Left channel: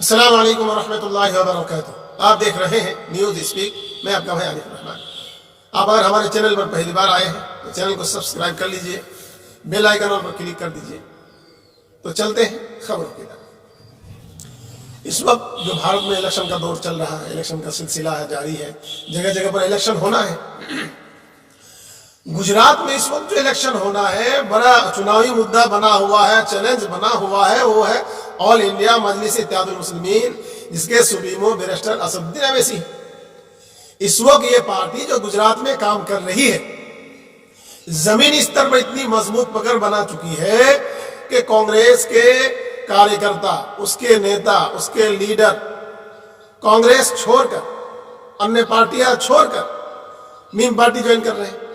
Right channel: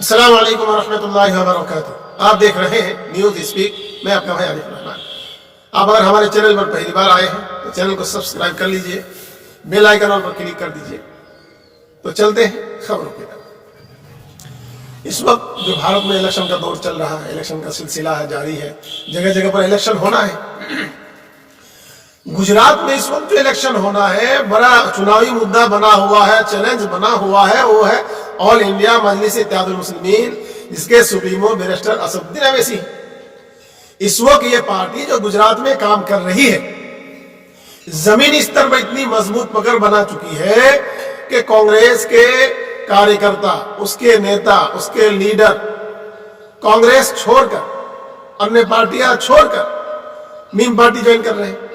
अस्सलाम वालेकुम रहमतुल्लाहि व बरकातुहू। आप देख रहे हैं न्यूज़ स्पीक। मैं आपका भाई आरिफ रहमान। आप अगर हमारे चैनल पर पहली बार आए हैं तो चैनल को सब्सक्राइब कर लीजिए, बेल आइकन पर क्लिक कर दीजिए। तो चलते हैं खबरों की तरफ। इस वक्त जो भारत में इलेक्शन का दौर चल रहा है, इलेक्शन का सिलसिला है, जारी है, जगह जगह पर इलेक्शन होना है। गुजरात में इस वक्त जो इलेक्शन होना है, बड़ा चुनावी मुद्दा बना हुआ है, चैलेंज बना हुआ है, वो है ऑल इंडिया मजलिस इत्तेहादुल मुस्लिमीन, जिसके सुप्रीमो बैरिस्टर असदुद्दीन अवैसी। इस वक्त ये पार्टी जो गुजरात में काम कर रही है, जमीनी स्तर पर इतनी मजबूत पकड़ बना चुकी है कि कांग्रेस के कार्यकर्ता, उसके नेता, उसके लीडर कांग्रेस छोड़कर, अन्य पार्टियां छोड़कर मीम पार्टी ज्वाइन कर रहे हैं।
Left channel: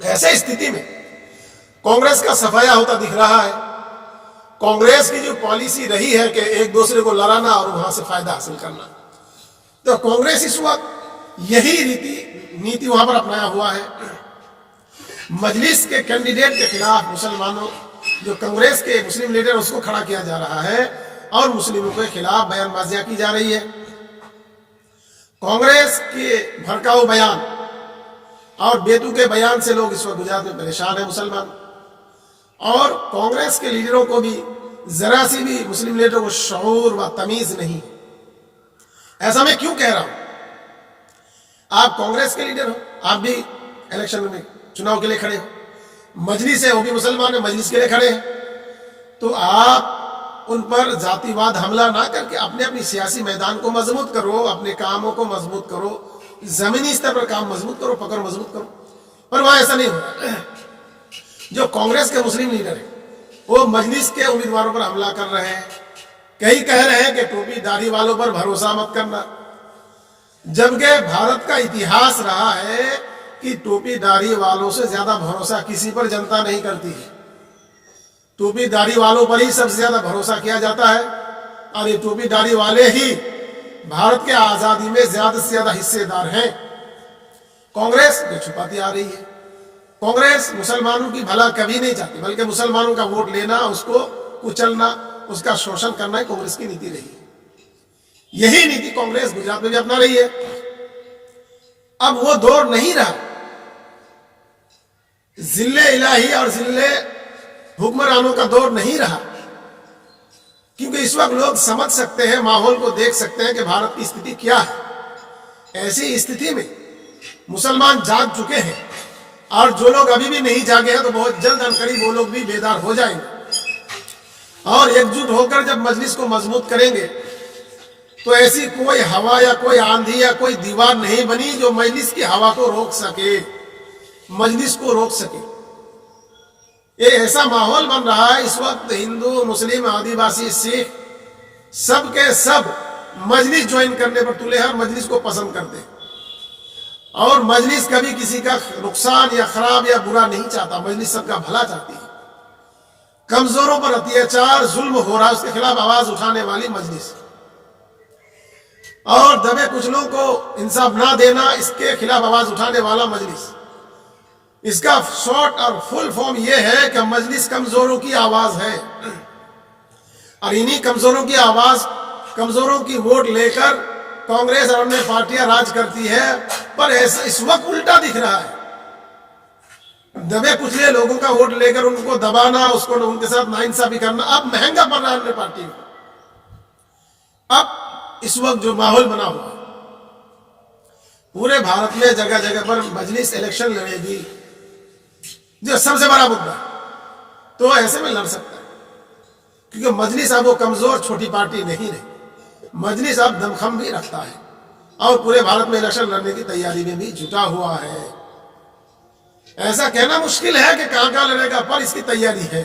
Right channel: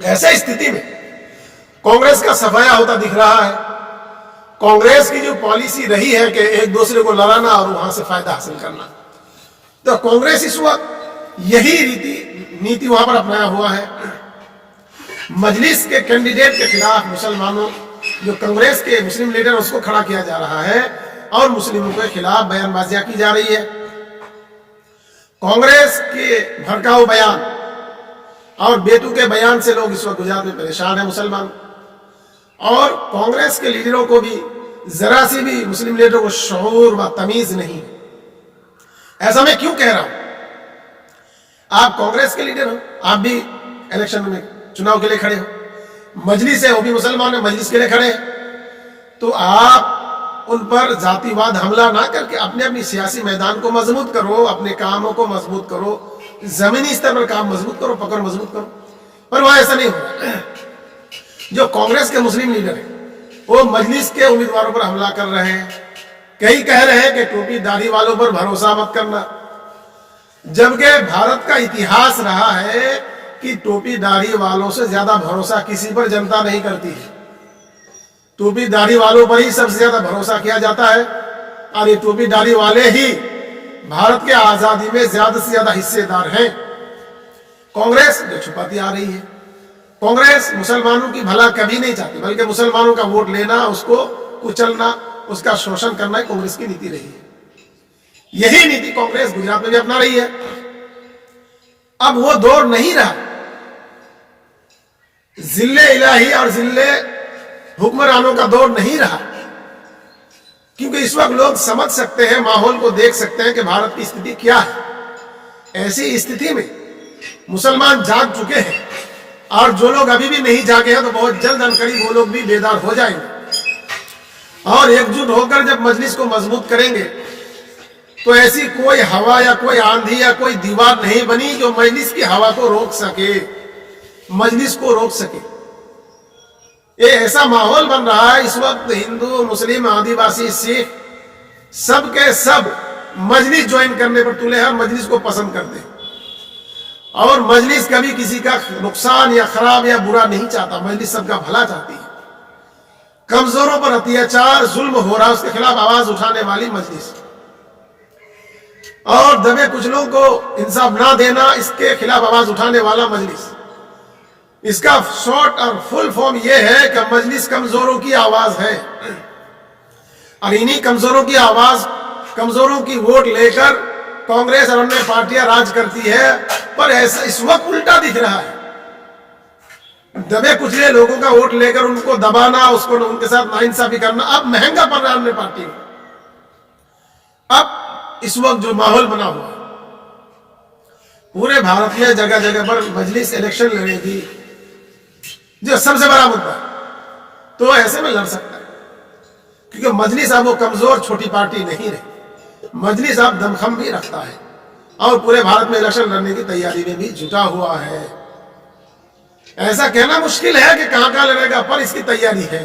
ऐसे स्थिति में कांग्रेस का सफाया होता दिख रहा है। कांग्रेस की जो पॉलिसी रही है कि एक दूसरे को लड़ाना और वहां से फायदा हासिल करना, तो कांग्रेस इस वक्त यही नीति वहां पर अपनाया हुआ है। मजलिस के कैंडिडेट के खिलाफ मुसलमानों, जो कांग्रेस के मुस्लिम लीडर, उसको खड़ा किया जा रहा है और मुस्लिमों के खिलाफ बयानबाजियां की जा रही है। कांग्रेस के भड़काऊ बयान और बेतु के बयान से लोग इस वक्त गुजरात में परेशान है मुसलमान, और कांग्रेस के लीडरों को भी जरा सी भी मुस्लिम लीडरों को शऊर व तमीज नहीं। ऐसा मैं क्यों कह रहा हूं? आप कांग्रेस के लीडर हो, आप भी इलेक्शन में चुनाव के लिए खड़े हो, मजलिस है वो भी मुसलमान है, मजलिस के लिए खड़े हैं, तो आप उन पर जातिवाद हमला ना करके अपने अपनी सियासी मैदान को मजबूत करो, अपने कामों को मजबूत करो, जमीनी स्तर पर काम मजबूत करो, पकड़ मजबूत करो। पर वहां ऐसा नहीं हो रहा। जो कांग्रेस के मुस्लिम लीडर है वो मजलिस के उम्मीदवारों पर हमला कर रहे हैं। कई कह रहे हैं कि टोपी दाढ़ी वालों पर भरोसा मत करना, जबकि भारत का इतिहास रहा है कि टोपी दाढ़ी वालों से ज्यादा भरोसा किसी पर जनता नहीं करती है। टोपी दाढ़ी वालों पर ही सबसे ज्यादा भरोसा किया जाता है, और ये टोपी दाढ़ी वाले ही भारत के आजादी में ज्यादा से ज्यादा हिस्सेदार हैं। कांग्रेस जो छुपाती आ रही है, कांग्रेस मुसलमानों की भला कभी नहीं चाहती, बल्कि मुसलमानों का वोट लेना, उसको कुचलना, उसका शोषण करना ही कांग्रेस की नीति रही है। यही नीति कांग्रेस गुजरात में भी अपना रही है। अब वो दौर नहीं रहा जिले इलाही और जिले हुक्मरानों का दौर नहीं रहा, क्योंकि इस वक्त लोग समझ सकते हैं, माहौल को देख सकते हैं कि भारत की स्थिति क्या है। ऐसी स्थिति में मुसलमान जाग चुके हैं, और जो लोग अभी भी नहीं जागे हैं तो बहुत जल्द अनकरीब वो लोग भी बेदार हो जाएंगे, और एकजुट होकर जब मजलिस को मजबूत करेंगे तो ऐसी कोई हवा या कोई आंधी या कोई दीवार नहीं बनी जो मजलिस की हवा को रोक सके, मजलिस को रोक सके। ये ऐसा माहौल बन रहा है इस वक्त, हिंदू, मुस्लिम, आदिवासी, सिख सब के सब मजलिस ज्वाइन करने पर तुले हैं और मजलिस को पसंद करते हैं। और मजलिस कभी किसी का नुकसान या खराब या बुरा नहीं चाहता, मजलिस सबका भला चाहती है। कमजोरों पर अत्याचार, जुल्म हो रहा है, उसके खिलाफ आवाज उठाने वाली मजलिस, और दबे कुचलों को इंसाफ ना देना, इसके खिलाफ आवाज उठाने वाला मजलिस। इसका शॉर्ट और फुल फॉर्म यह है कि मजलिस कमजोरों की आवाज है, और इन्हीं कमजोरों की आवाज, कमजोरों की वोट लेकर कांग्रेस और अन्य पार्टियां राज करती है। पर ऐसा इस वक्त उल्टा दिख रहा है, दबे कुचले लोगों का वोट लेकर उनको दबाना, उसको उनके साथ नाइंसाफी करना अब महंगा पड़ रहा है अन्य पार्टी को। अब इस वक्त जो माहौल बना हुआ है, पूरे भारत में जगह जगह पर मजलिस इलेक्शन लड़ेगी, जो सबसे बड़ा मुद्दा है, तो ऐसे में लड़ सकता है, क्योंकि मजलिस अब वो कमजोर छोटी पार्टी नहीं रही। मजलिस अब दमखम भी रखता है और पूरे भारत में इलेक्शन लड़ने की तैयारी में भी जुटा हुआ है। ऐसा कहना मुश्किल है कि कहां कहां लड़ेगा, पर इसकी तैयारी है।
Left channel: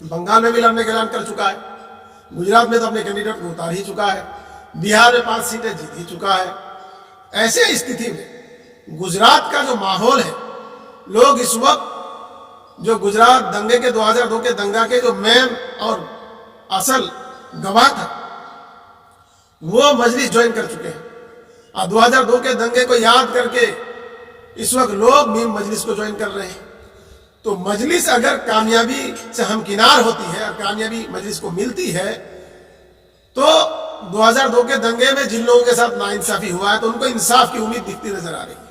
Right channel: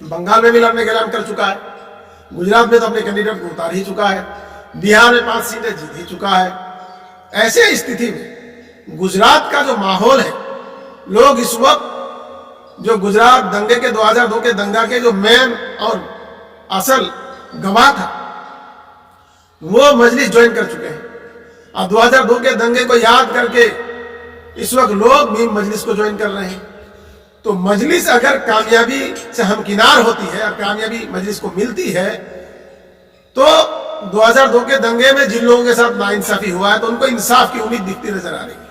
बंगाल में भी लड़ने का ऐलान कर चुका है, गुजरात में तो अपने कैंडिडेट को उतार ही चुका है, बिहार में 5 सीटें जीत ही चुका है। ऐसे स्थिति में गुजरात का जो माहौल है, लोग इस वक्त जो गुजरात दंगे के 2002 के दंगा के जो मेन और असल गवाह था, वो मजलिस ज्वाइन कर चुके हैं, और 2002 के दंगे को याद करके इस वक्त लोग भी मजलिस को ज्वाइन कर रहे हैं। तो मजलिस अगर कामयाबी से हमकिनार होती है और कामयाबी मजलिस को मिलती है तो 2002 के दंगे में जिन लोगों के साथ नाइंसाफी हुआ है तो उनको इंसाफ की उम्मीद दिखती नजर आ रही है,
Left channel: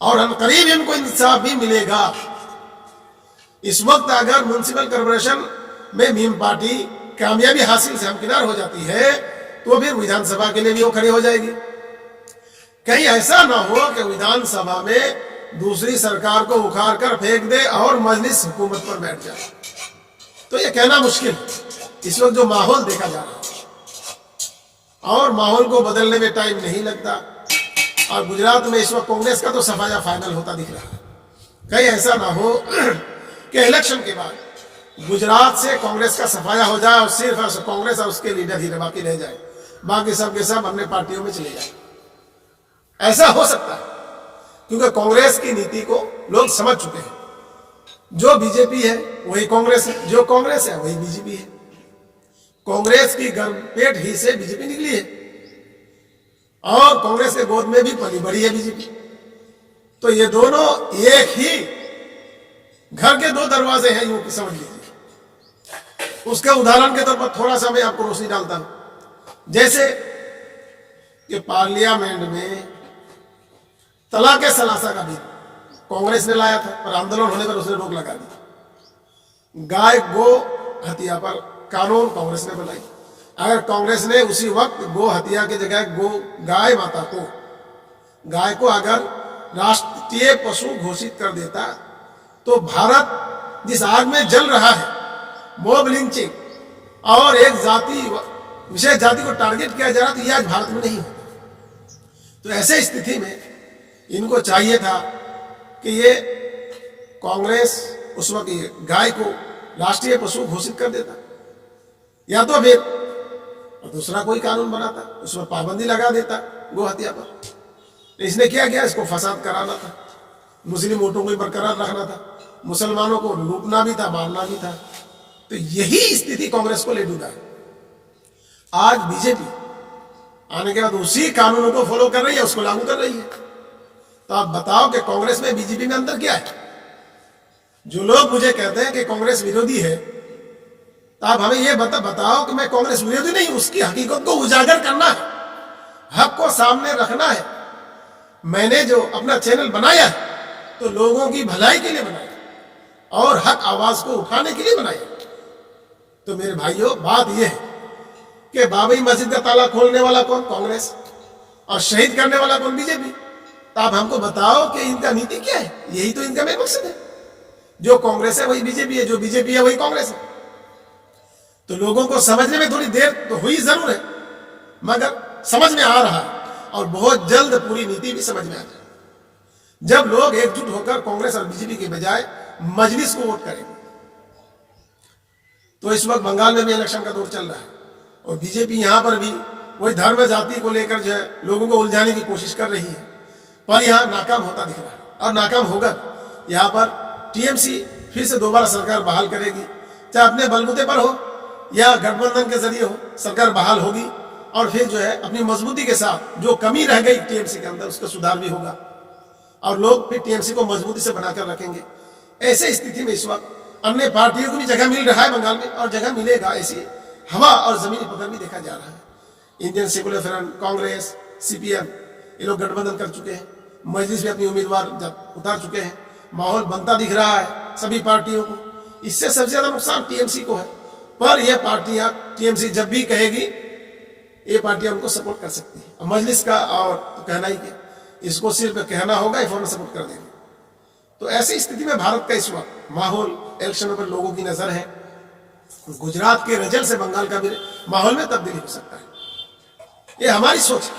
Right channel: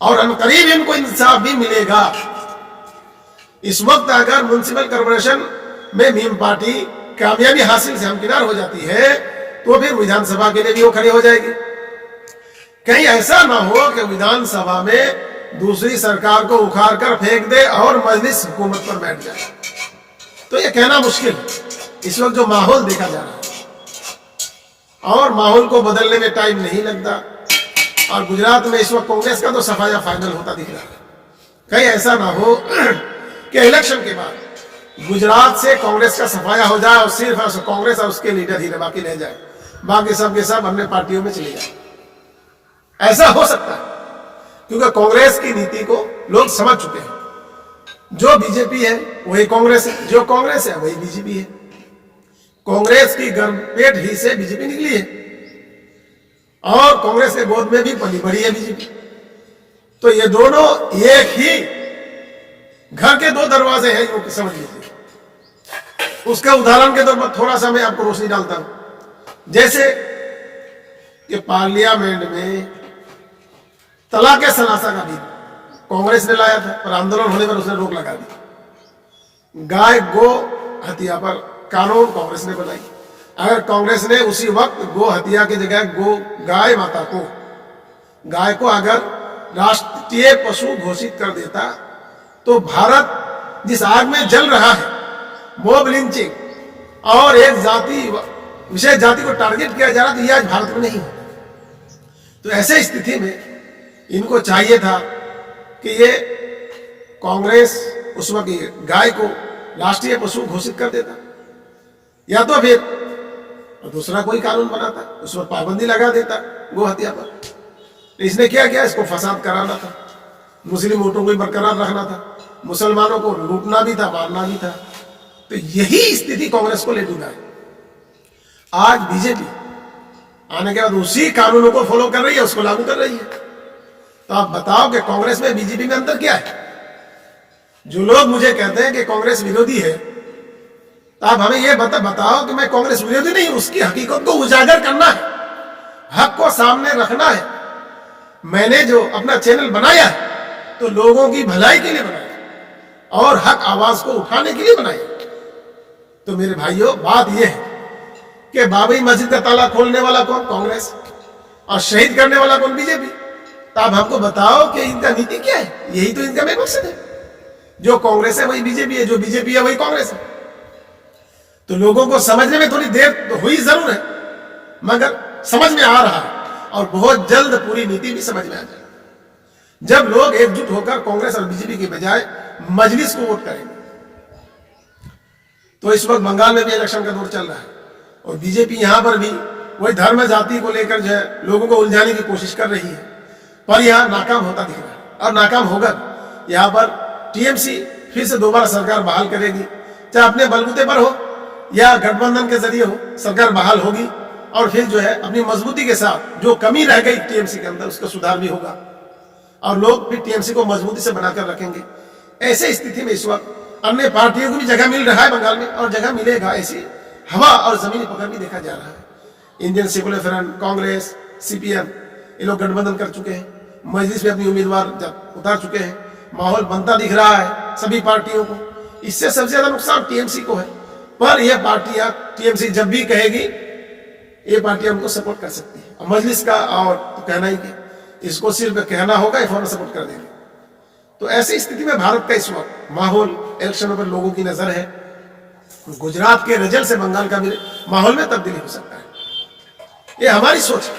और अनकरीब इनको इंसाफ भी मिलेगा। इस वक्त अगर म्युनिसिपल कॉर्पोरेशन में मीम पार्टी कामयाबी हासिल से हमकिनार हो जाती है तो फिर विधानसभा के लिए भी वो खड़ी हो जाएगी। कहीं ऐसा ना हो कि विधानसभा में दूसरी सरकार को उखाड़ कर फेंक दे और मजलिस हुकूमत पर बैठ जाए, तो ये कहना मुश्किल है। इस वक्त जो माहौल देखा जा रहा है और माहौल को बदलने में टाइम नहीं लगता, और गुजरात में इस वक्त कांग्रेस का तो सफाया फाइनल होता दिख रहा है। कहीं ऐसा ना हो कि इलेक्शन के बाद गुजरात से कांग्रेस का सफाया हो जाए और सिर्फ कांग्रेस और उसके लीडर ही बाकी रह जाए, बाकी सब के सब अन्य पार्टियों में चले जाए। ऐसा हो सकता है क्योंकि कांग्रेस की नीति को लोग समझ चुके हैं। जो बीजेपी है वही कांग्रेस है, जो कांग्रेस है वही बीजेपी है। कांग्रेस की गर्भपेट ही से बीजेपी निकली है और कांग्रेस के गोद में भी पली बड़ी है बीजेपी। तो ये दोनों एक ही घर के दो दरवाजे हैं, यूं समझ लीजिए। उसका उदाहरण के तौर पर थोड़ा सा मैं आपको रोशनी डालता हूं। जैसे कि पार्लियामेंट में तलाक सलासा का बिल कांग्रेस ने लाया था, पर आंदोलन होने पर उसने रोक लगा दी। गाय गो हत्या पर कानून कांग्रेस ने बनाई। अगर कांग्रेस ने उसी वक्त गो हत्या की जगह गाय माता को, गाय को अगर राष्ट्रीय पशु घोषित कर देता तो भारत जिस आग में जल रहा है, मॉब लिंचिंग और एक जाति विशेष जाति को टारगेट किया जा रहा, तो यह आज भारत में नहीं होता। तो ऐसे स्थिति में इनको चाहिए था कि ये कांग्रेस उस वक्त गाय को राष्ट्रीय पशु घोषित कर देता, या तो फिर दूसरा कोई कानून बनाता, उस पर पाबंदी लगा देता गो हत्या पर। इसने क्या किया? इसको फसाद कराना था, मुस्लिम वोटों को बरकरार रखना था, मुसलमानों को लूटना भी था, मारना भी था। तो यही स्थिति कांग्रेस को ले डूबा है। आज बीजेपी आने के बाद उसी कानूनों को फॉलो कर रही है, उसको लागू कर रही है। तो आप बताओ कि कांग्रेस में बीजेपी में अंतर क्या है? जो लोग मुझे कहते हैं कि कांग्रेस विरोधी है, तो आप हमें यह बताओ कि मैं कांग्रेस विरोधी नहीं, उसकी हकीकत को उजागर करना है, हक को सामने रखना है। मैंने जो अपना चैनल बनाया तो लोगों की भलाई के लिए बनाया और हक आवाज को उठाने के लिए बनाया। तो मेरे भाइयों, बात यह है कि बाबरी मस्जिद का ताला खोलने वाला कौन? कांग्रेस। और शहीद करने वाला कौन? बीजेपी। तो आप हमको बताओ कि इनका नीति क्या है? यही तो इनका मेन मकसद है। जो कांग्रेस है वही बीजेपी है, जो बीजेपी है वही कांग्रेस है। तो लोगों को समझने में थोड़ी देर तो हुई जरूर है, मगर समझ में आ रहा है और बहुत जल्द पूरी नीति भी समझ में आ जाए जब लोग एकजुट होकर कांग्रेस और बीजेपी के बजाय मजलिस को वोट करेंगे। तो इस वक्त बंगाल में भी इलेक्शन का दौर चल रहा है और बीजेपी यहां पर भी वही धर्म जाति को लेकर जो है लोगों को उलझाने की कोशिश कर रही है, पर यहां नाकाम होता दिख रहा है और नाकाम होगा। यहां पर टीएमसी फिर से दोबारा सरकार बहाल करेगी, चाहे अपने बलबूते पर हो या गठबंधन के जरिए हो, सरकार बहाल होगी और फिर जो है अपनी मजबूती के साथ जो कमी रह गई टीएमसी के अंदर उसका सुधार भी होगा और लोग फिर टीएमसी को मजबूती से बनाकर रखेंगे। ऐसे स्थिति में इस वक्त अन्य पार्टियों को भी जगह मिल रहा है बंगाल में और जगह मिलेगा, ऐसी हवा और जमीनी पकड़ भी देखा जा रहा है। Indian secular front, Congress, CPM, ये लोग गठबंधन कर चुके हैं, मजलिस में अपनी उम्मीदवार उतार चुके हैं। माहौल बनता दिख रहा है सभी पार्टियों को। इससे सबसे ज्यादा नुकसान टीएमसी को है, पर यह पार्टियां टीएमसी जब भी कहेगी ये पार्टियां उनको सपोर्ट कर सकती है। मजलिस का और तो कहना ही कि इसको सिर्फ कहना होगा, ये फौरन सपोर्ट कर देंगे। तो ऐसी स्थिति में भारत का इस वक्त माहौल, इलेक्शनों पर लोगों की नजर है। गुजरात के रिजल्ट से बंगाल का भी माहौल में तब्दीली हो सकता है, ये हमारी सोच है,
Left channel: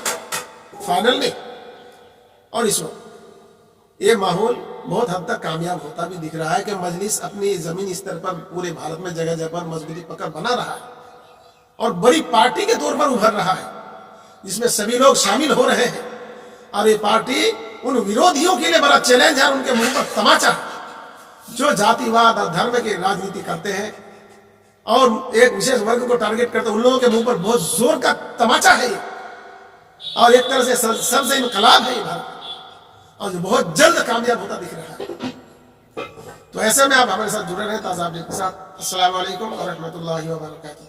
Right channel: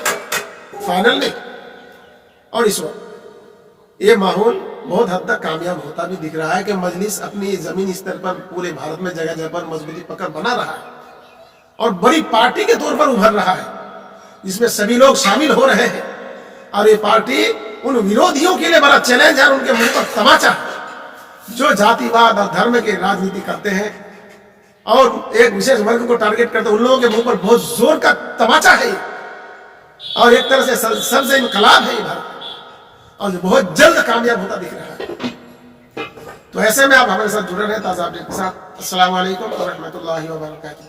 फाइनल नहीं। और इस वक्त ये माहौल बहुत हद तक कामयाब होता भी दिख रहा है कि मजलिस अपनी जमीनी स्तर पर पूरे भारत में जगह जगह पर मजबूती पकड़ बना रहा है और बड़ी पार्टी के तौर पर उभर रहा है, जिसमें सभी लोग शामिल हो रहे हैं। और ये पार्टी उन विरोधियों के लिए बड़ा चैलेंज है और उनके मुंह पर तमाचा है जो जातिवाद और धर्म की राजनीति करते हैं और एक विशेष वर्ग को टारगेट करते हैं। उन लोगों के मुंह पर बहुत जोर का तमाचा है और एक तरह से सबसे इनकलाब है ये भारत और जो बहुत जल्द कामयाब होता दिख रहा है। तो ऐसे में आप हमारे साथ जुड़े रहे ताज़ा अपडेट के साथ। अस्सलाम वालेकुम व रहमतुल्लाहि व बरकातुहू।